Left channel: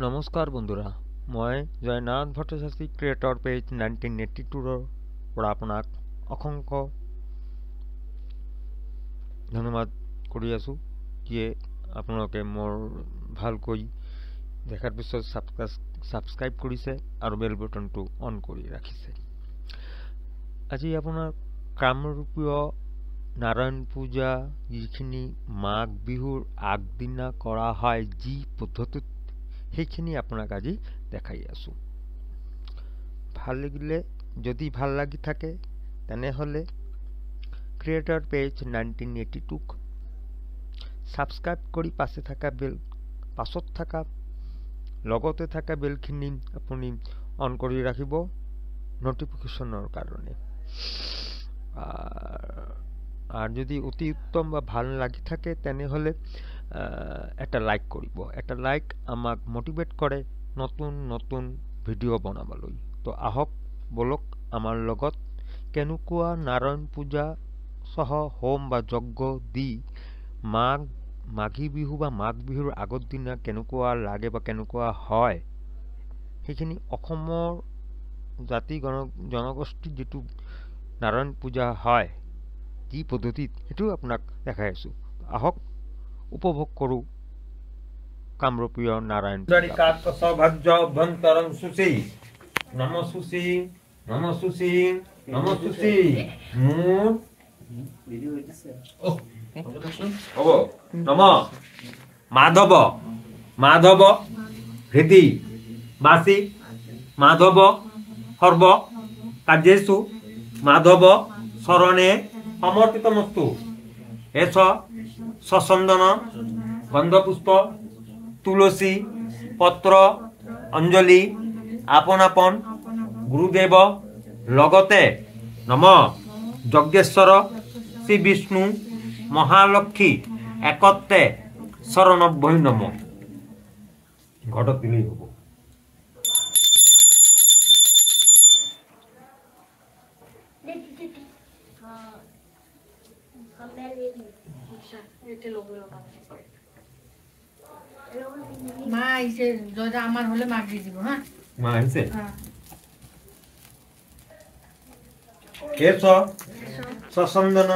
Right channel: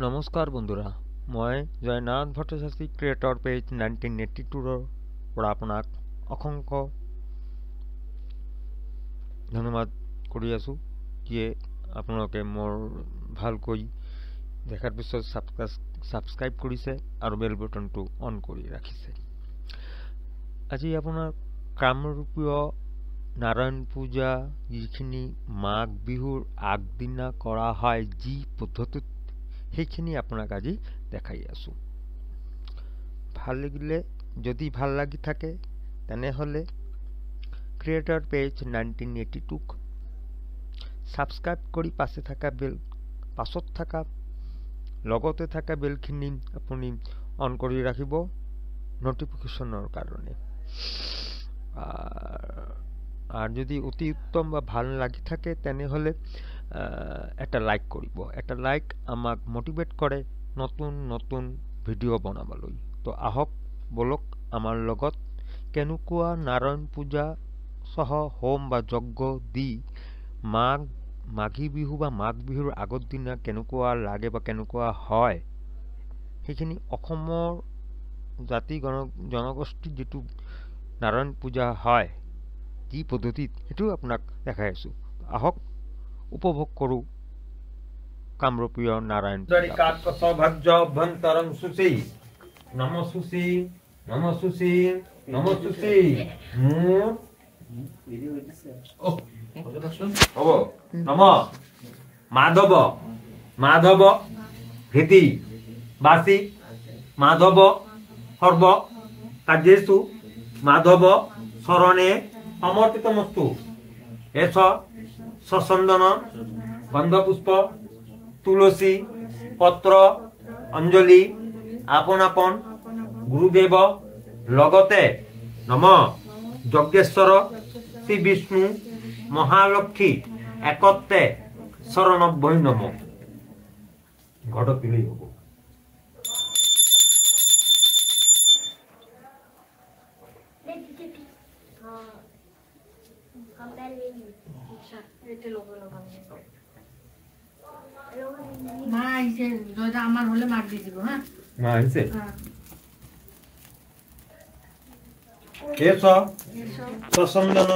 নমস্কাৰ বন্ধুৰা, মই Joynath Bhattacharya creator page 1982 পৰা আপোনাক অসংখ্য ধন্যবাদ কৰি আছোঁ। যিয়ে আপোনালোকে মোৰ ভালকৈ দেখাৰ পিছত ছাবস্ক্ৰাইব কৰিছে আৰু বেল বটনটো অন কৰি ৰাখিছে। আজি আপোনাৰ কামৰূপীয় নাৰায়ণ পূজা যিখিনি মাঘ বিহুৰ আগদিনা কৰা হয়, যি পদ্ধতিত সেইখিনি আপোনাক আজি দেখাই আছোঁ। ভাল লাগিলে, যদি ভাল লাগি থাকে তেনেহ'লে ক্ৰিয়েটৰ পেজ 1982ক ছাবস্ক্ৰাইব কৰি পাছত থকা লগতে থকা বেলখিনি আপুনি অন কৰি ৰাখিব নটিফিকেশ্যনৰ কাৰণে। আৰু যদি অতি উত্তম বা ভাল লাগি থাকে তেনেহ'লে এটা লাইক কৰিব। এটা লাইক আমাক মোটিভেট কৰে নতুন নতুন ভিডিঅ' বনাবলৈ। তো আহক বলক আমাৰ লগত কেনেকুৱা নাৰায়ণ পূজা সহ হোম বা যজ্ঞ দি মাঘী বিহু বা মাঘ বিহুৰ আগৰ দিনা কেনেকুৱা লাগে বা কেনেকুৱা হয়, সেইখিনি অসমৰ জাতি জনগোষ্ঠীৰ যিটো নাৰায়ণ পূজা হয় যি পদ্ধতিত, সেইটো আপোনাক দেখাই আছোঁ। আহক উপভোগ কৰোঁ কামৰূপীয় নাৰায়ণ মাধৱ মাধৱ হৃদি বাসি মাধৱ সৰ্ব কাৰ্যেষু মাধৱ শৰণে সমৰ্পিতমস্তু। এস সচন্দন গন্ধপুষ্প তুলসী পত্ৰ অঞ্জলি আপন আপন গুৰুদেৱ লগতে নম যজ্ঞেশ্বৰ শ্ৰী বিষ্ণু মহালক্ষ্মী একত্ৰে শৰণব্বৈ নম। ঘটত দিলেই হ'ব। মা আইছে, যদি আমার হলে মার দিয়ে দিব। হ্যাঁ, মা আইছে। কেশ সচন্দন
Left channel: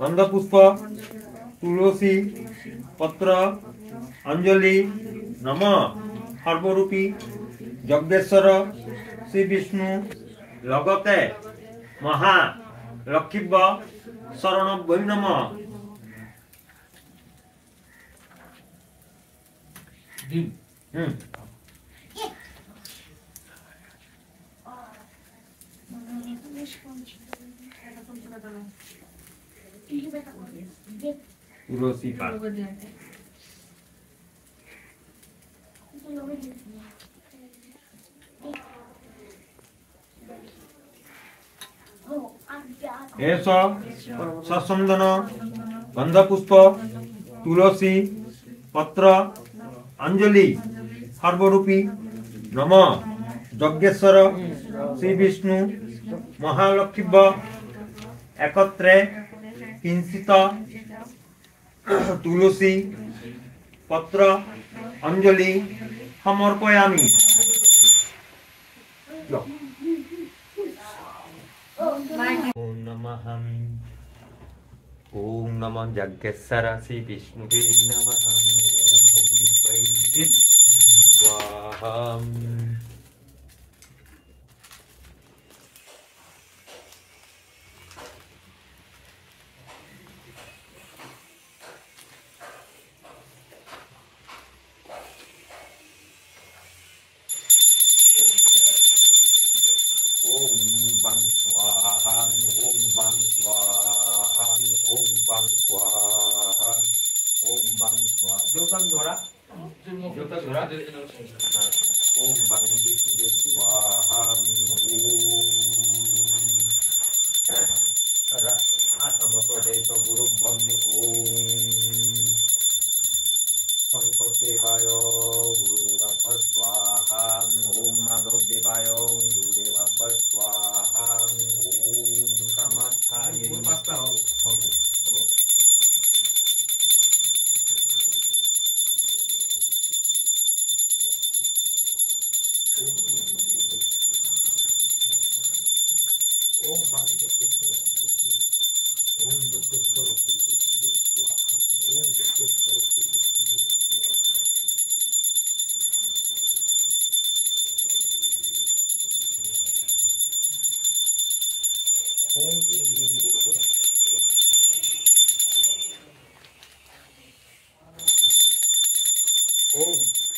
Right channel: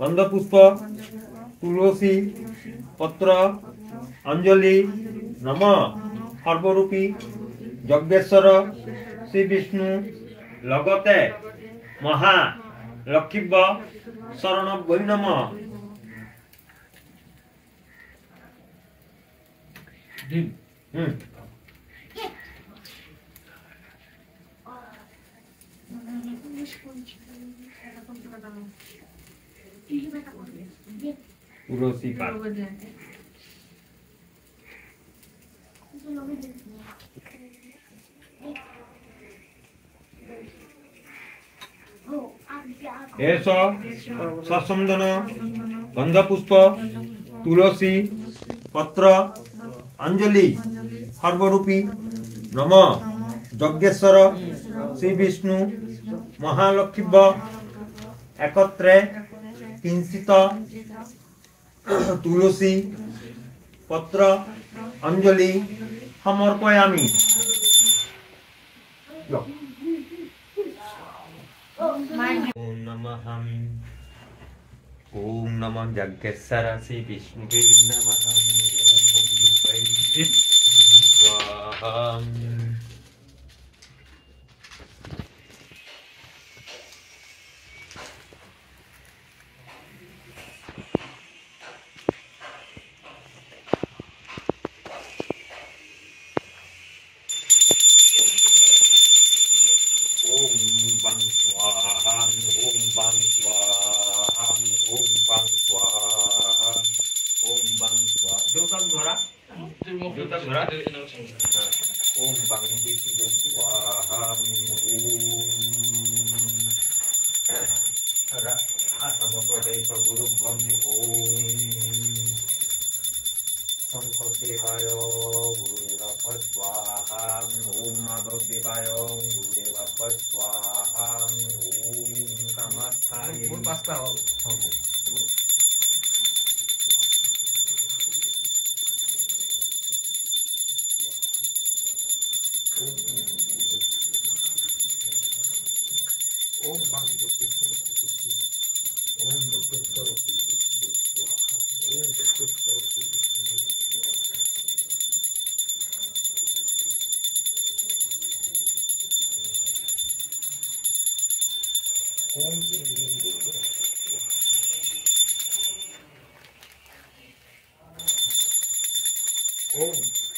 গন্ধপুষ্প তুলসী পত্র অঞ্জলি নম সর্বরূপী যজ্ঞেশ্বৰ শ্ৰী বিষ্ণু লগতে মহা লক্ষীব্য শৰণব্বৈ নম। তুলসী পাত এস সচন্দন গন্ধপুষ্প তুলসী পত্ৰ অঞ্জলি সৰ্বৰূপী নম যজ্ঞেশ্বৰ শ্ৰী বিষ্ণু মহালক্ষ্মীব্য একত্ৰে কিঞ্চিত তুলসী পত্ৰ অঞ্জলি সমৰ্পয়ামি। ওম নমঃ ওম নমঃ যজ্ঞেশ্বর শ্রী বিষ্ণুবে নমঃ। ওম বৈদিক স্বাহা। শঙ্করদেবায় গুরুদেবাভ্য স্বাহা। ওম মাধবদেবায় গুরুদেবাভ্য স্বাহা। ওম কামাখ্যায় ओम बाकी जो किस्मत ओम जो किस्मत ओम जो किस्मत ओम